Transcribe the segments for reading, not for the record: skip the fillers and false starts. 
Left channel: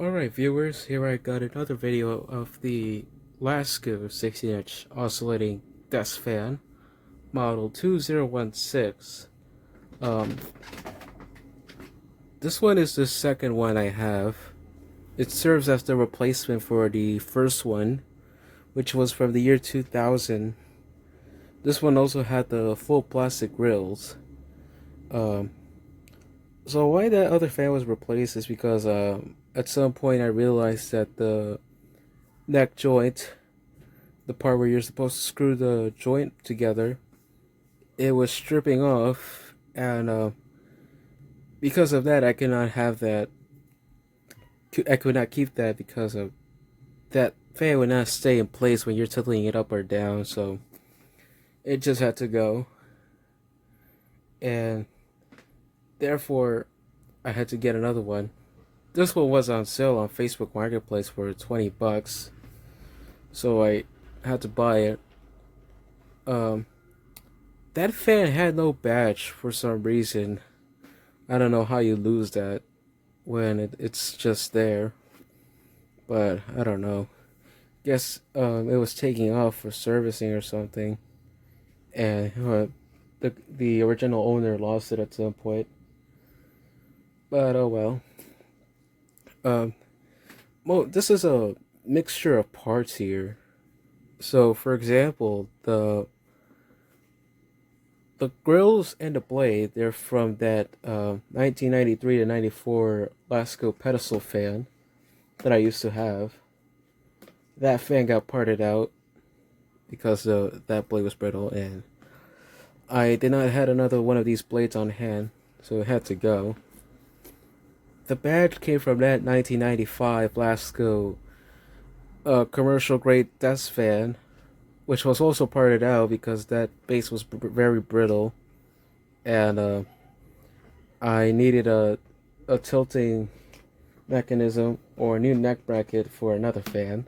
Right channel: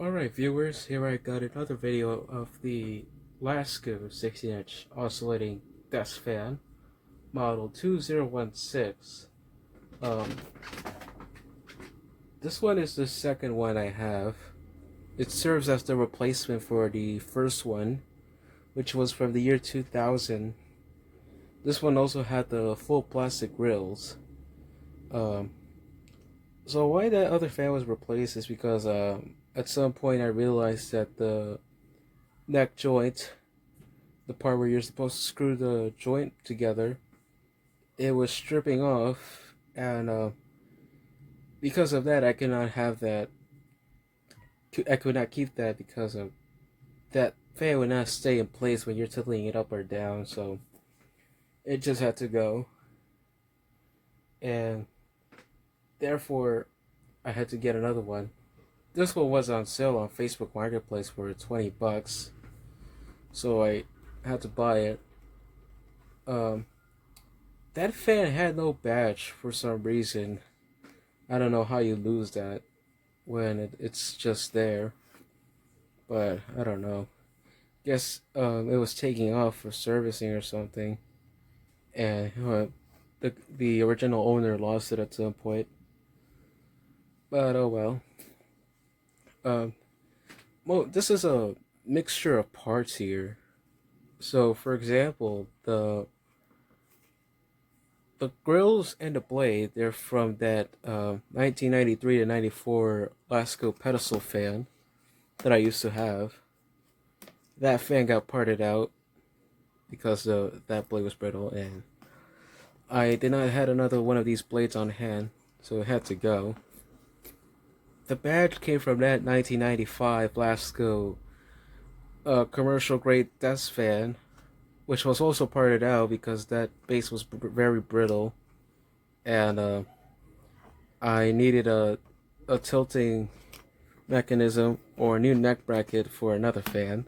Alright viewers, here I got another video of the Lasko 60-inch oscillating desk fan model 2016. Um, this one is the second one I have. It serves as the replacement for the first one, which was from the year 2000. This one also had the full plastic grills. Um, so why that other fan was replaced is because at some point I realized that the neck joint, the part where you're supposed to screw the joint together, it was stripping off, and because of that I cannot have that. I could not keep that because of that fan would not stay in place when you're tilting it up or down, so it just had to go, and therefore I had to get another one. This one was on sale on Facebook Marketplace for $20, so I had to buy it. That fan had no badge for some reason. I don't know how you lose that when it's just there, but I don't know. Guess it was taking off for servicing or something, and the original owner lost it at some point. But oh well. Well, this is a mixture of parts here. So, for example, the grills and the blade, they're from that 1993 to 94 Lasko pedestal fan that I used to have. That fan got parted out because that blade was brittle, and I did not have another one of these blades on hand, so it had to go. The badge came from that 1995 Lasko commercial grade desk fan, which was also parted out because that base was very brittle, and I needed a tilting mechanism or a new neck bracket for another fan.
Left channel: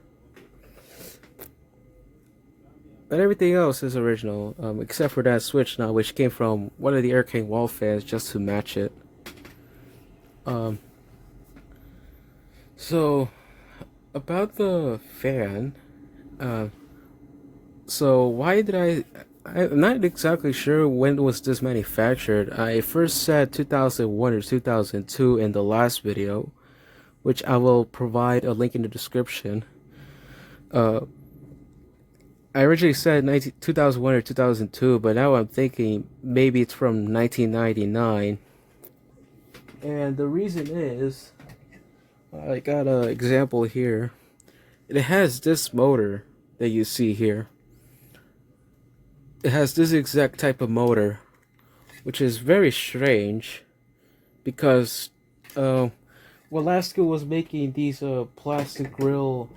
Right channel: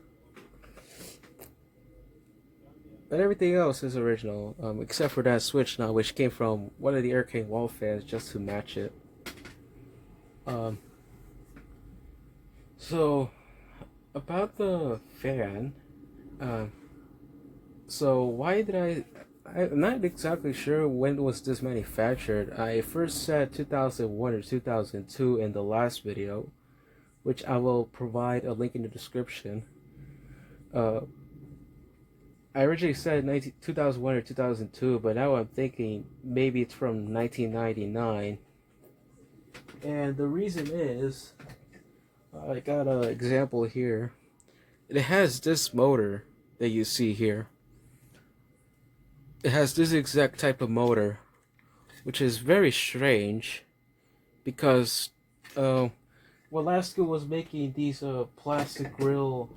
But everything else is original, except for that switch now, which came from one of the Aircane wall fans just to match it. So about the fan, so why did I'm not exactly sure when was this manufactured. I first said 2001 or 2002 in the last video, which I will provide a link in the description. I originally said 2001 or 2002, but now I'm thinking maybe it's from 1999. And the reason is, I got an example here. It has this motor that you see here. It has this exact type of motor, which is very strange because well, Lasko was making these plastic grill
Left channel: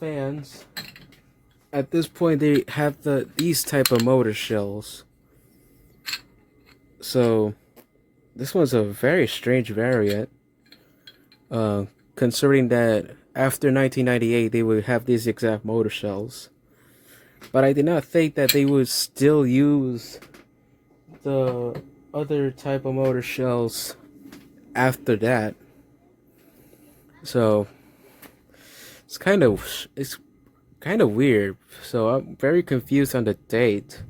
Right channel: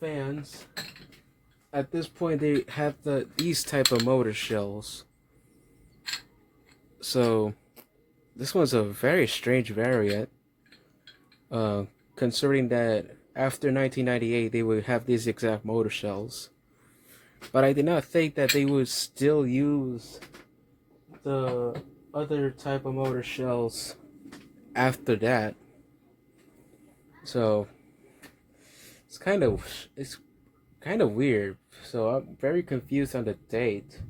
fans. At this point, they have these type of motor shells. So this one's a very strange variant, considering that after 1998 they would have these exact motor shells. But I did not think that they would still use the other type of motor shells after that. So it's kind of weird. So I'm very confused on the date,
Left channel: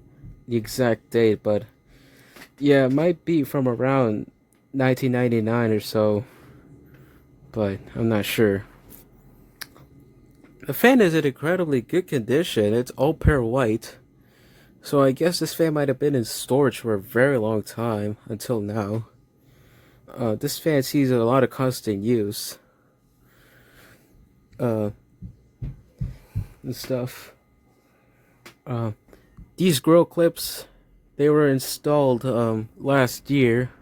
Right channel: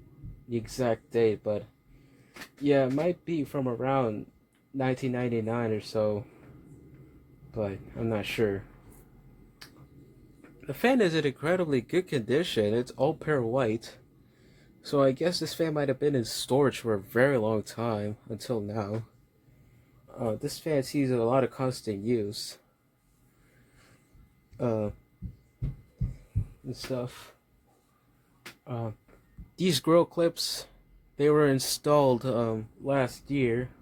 the exact date, but yeah, it might be from around 1999 or so, but I'm not sure. The fan is in incredibly good condition. It's all pure white. So I guess this fan might have been in storage for a very long time until now. This fan sees a lot of constant use. And stuff. These grill clips, they were installed last year.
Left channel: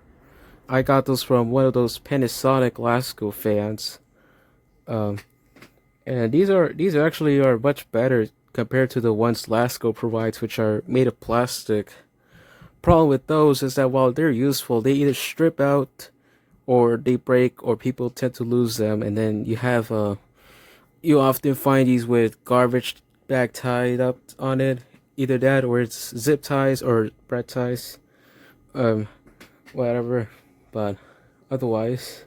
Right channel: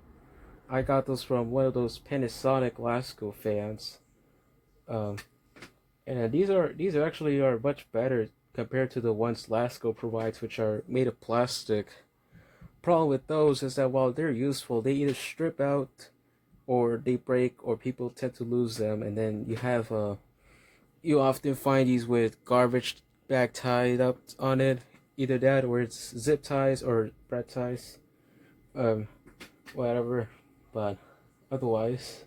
I got those from one of those Panasonic Lasko fans. And these actually are much better compared to the ones Lasko provides, which are made of plastic. Problem with those is that while they're useful, they either strip out or they break, or people tend to lose them, and then you often find these with garbage bag tied up on it. Either that or it's zip ties or bread ties. Whatever. But otherwise,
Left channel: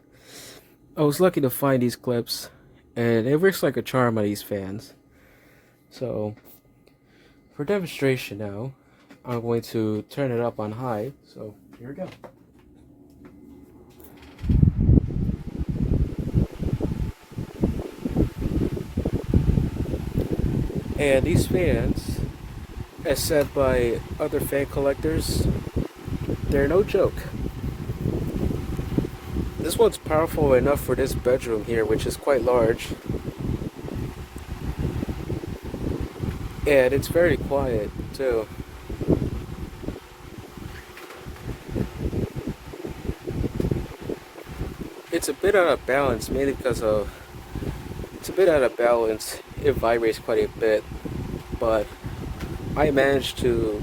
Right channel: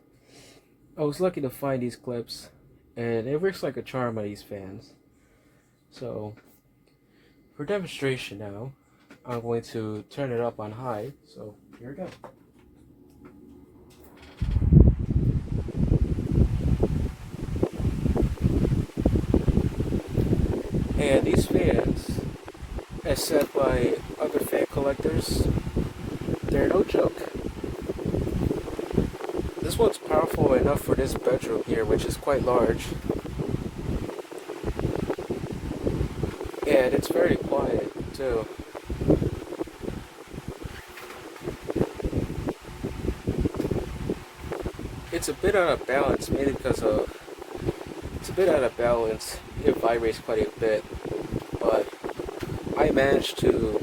I was lucky to find these clips, and it works like a charm on these fans. So, for demonstration now, I'm going to turn it up on high. So, here we go. And these fans, as said by other fan collectors, they're no joke. This one's powerful enough for this bedroom here, which is quite large. And it's very quiet, too. It's a bit out of balance, mainly because of... It's a bit out of balance. It vibrates quite a bit. But I managed to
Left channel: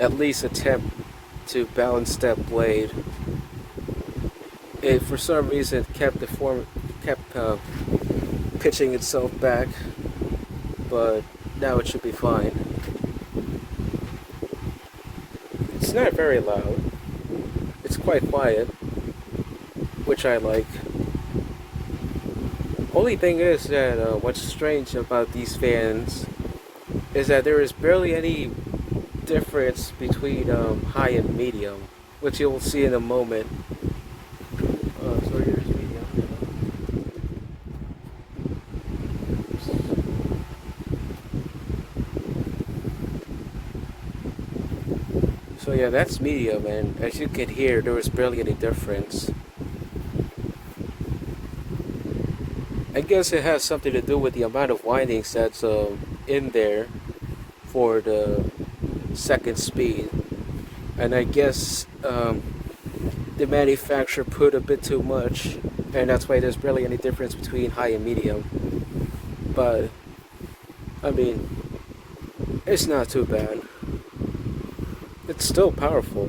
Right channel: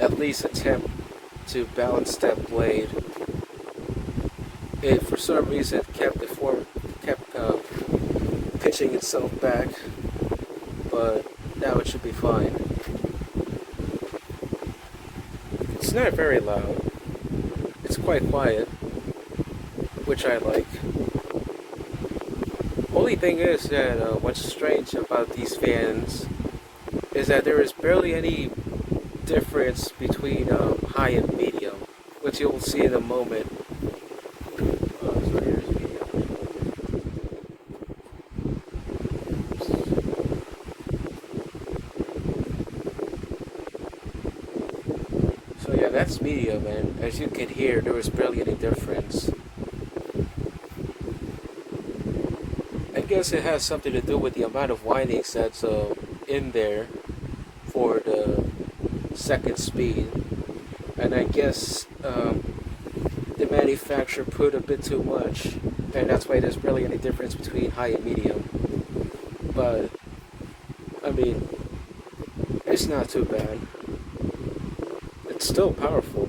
at least attempt to balance that blade. It, for some reason, kept pitching itself back, but now it should be fine. It's not very loud. It's quite quiet, which I like. Only thing is that what's strange about these fans is that there is barely any difference between high and medium, which you'll see in a moment. So yeah, that's medium, and as you can hear, there was barely any difference. I guess it has something to do with the amount of windings that's in there for the second speed. And I guess the manufacturer put a bit too much, and that's why there's barely any difference between high and medium. But, I mean, it's not too bad. It's still powerful.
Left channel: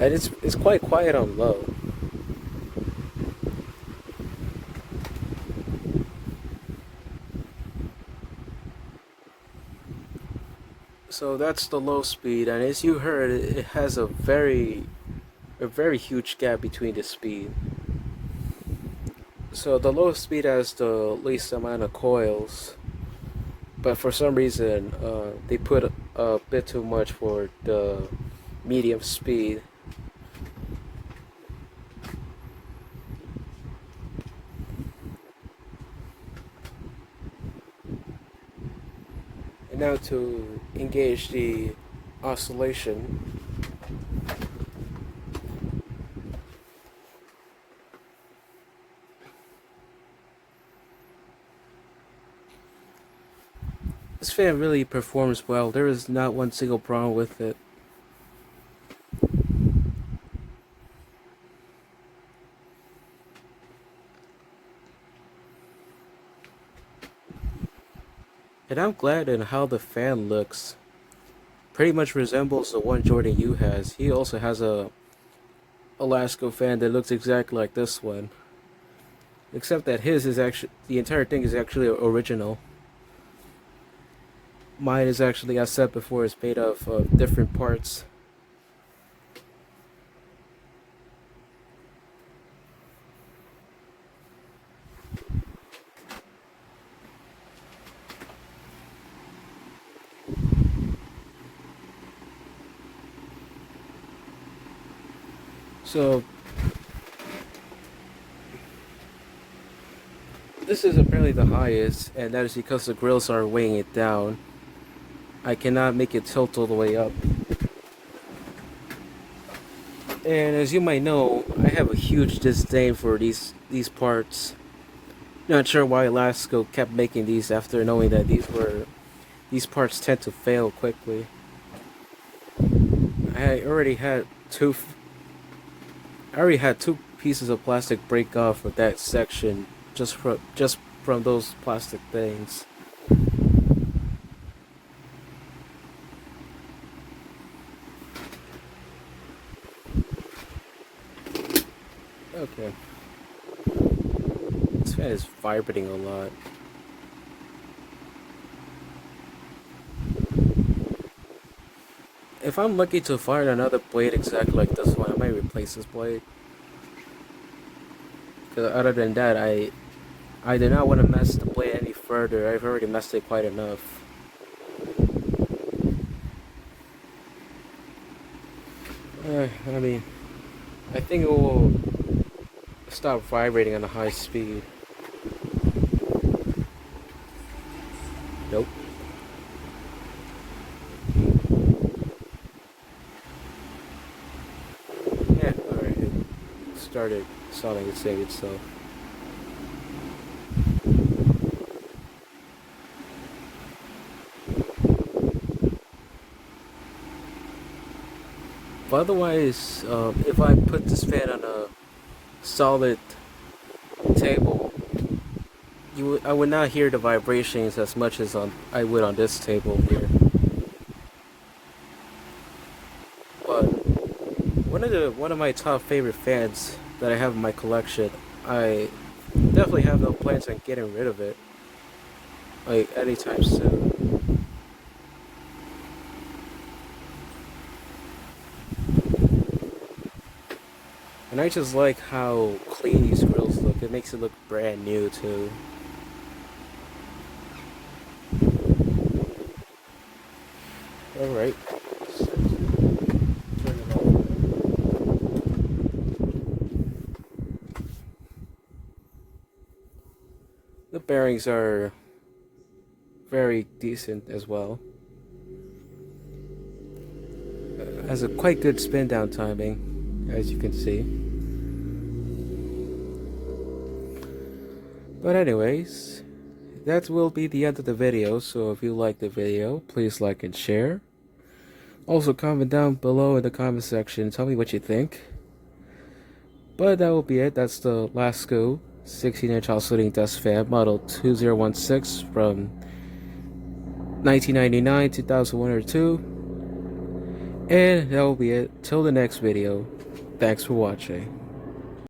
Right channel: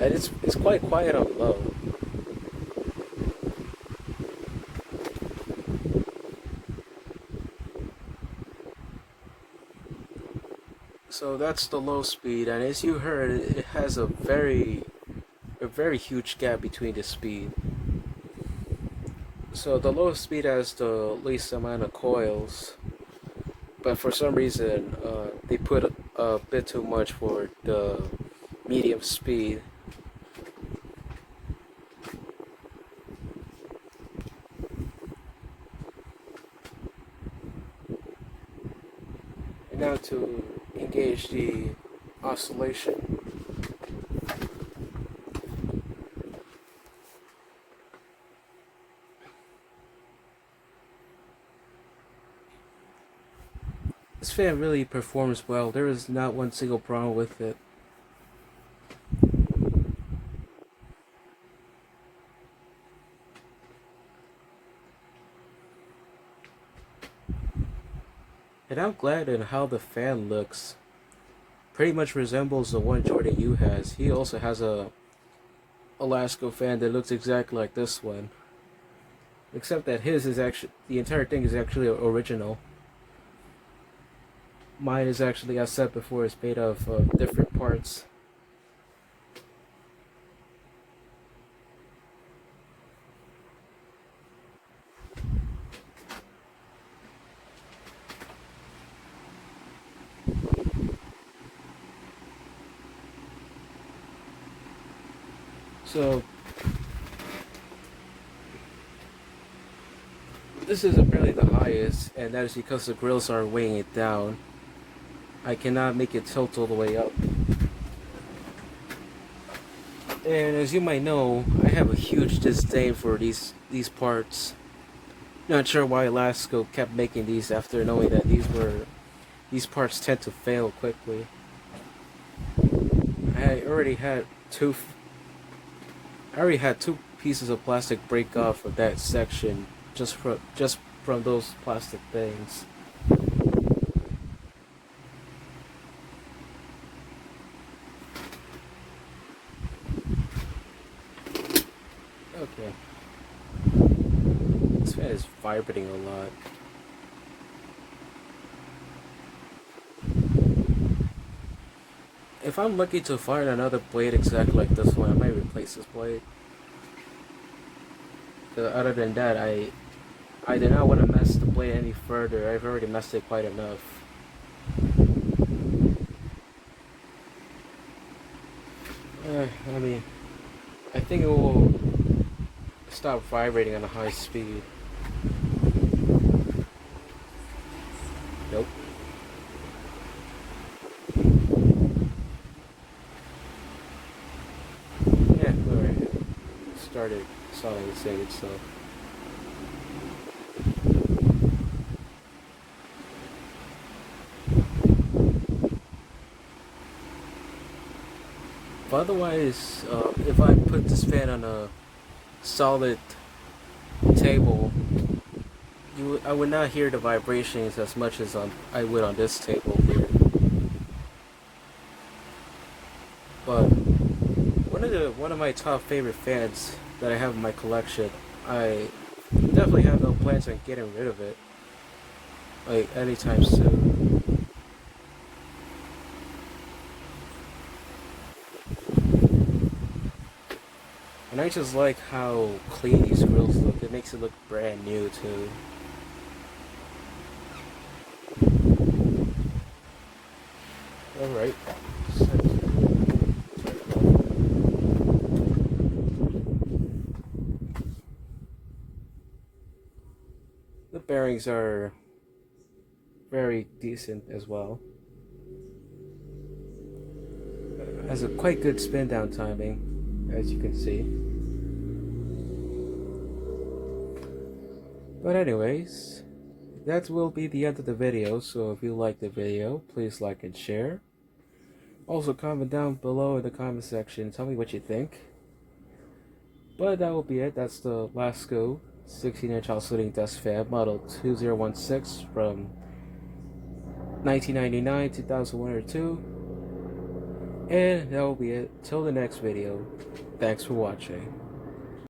And it's quite quiet on low. So that's the low speed, and as you heard, it has a very huge gap between the speed. So the low speed has the least amount of coils, but for some reason they put a bit too much for the medium speed. And now to engage the oscillation. This fan really performs well. There is not one single problem with it. And I'm glad in how the fan looks. Pretty much resembles the one Jordan Yu has. He also has a Lasko fan that looks exactly like this one. Except that his is actually, the entire thing is actually original. Mine is actually, as said before, is made of different parts. So this is apparently the highest, and that is because the grills are weighing it down. I cannot make it tilt all the way up. And as you might know, I have a huge disdain for these parts. Not sure why Lasko kept making these after knowing that these parts tend to fail quickly. I already had two pieces of plastic break off of that section just from those plastic things. Okay. This fan is vibrating a lot. If I'm lucky to find another blade exactly like this one, I might replace this blade. Other than that, I do not want to mess the blade any further. I've already messed it quite enough. I mean, I think it will stop vibrating on a high speed. Nope. Yeah, alright. It started solving its save itself. But otherwise, if I put this fan on a solid table, I would not hear the vibrations as much as I would on this table here. But one of my top favorite fans that I have in my collection, I definitely have no plans on getting rid of it, like anytime soon. And I just like how clean these grills look. It makes it look brand new too. Alright. The bearings are very decent as well. Has a quite good spin down timing, as you can see. But anyways, that will be the end of the video. So if you like the video, please like and share. Also comment down below in the comment section, tell me what you think. But that will be it. That's the Lasko 16-inch oscillating desk fan model 2016 from 1999, 2001 or 2. And that will be it. Till the next video. Thanks for watching.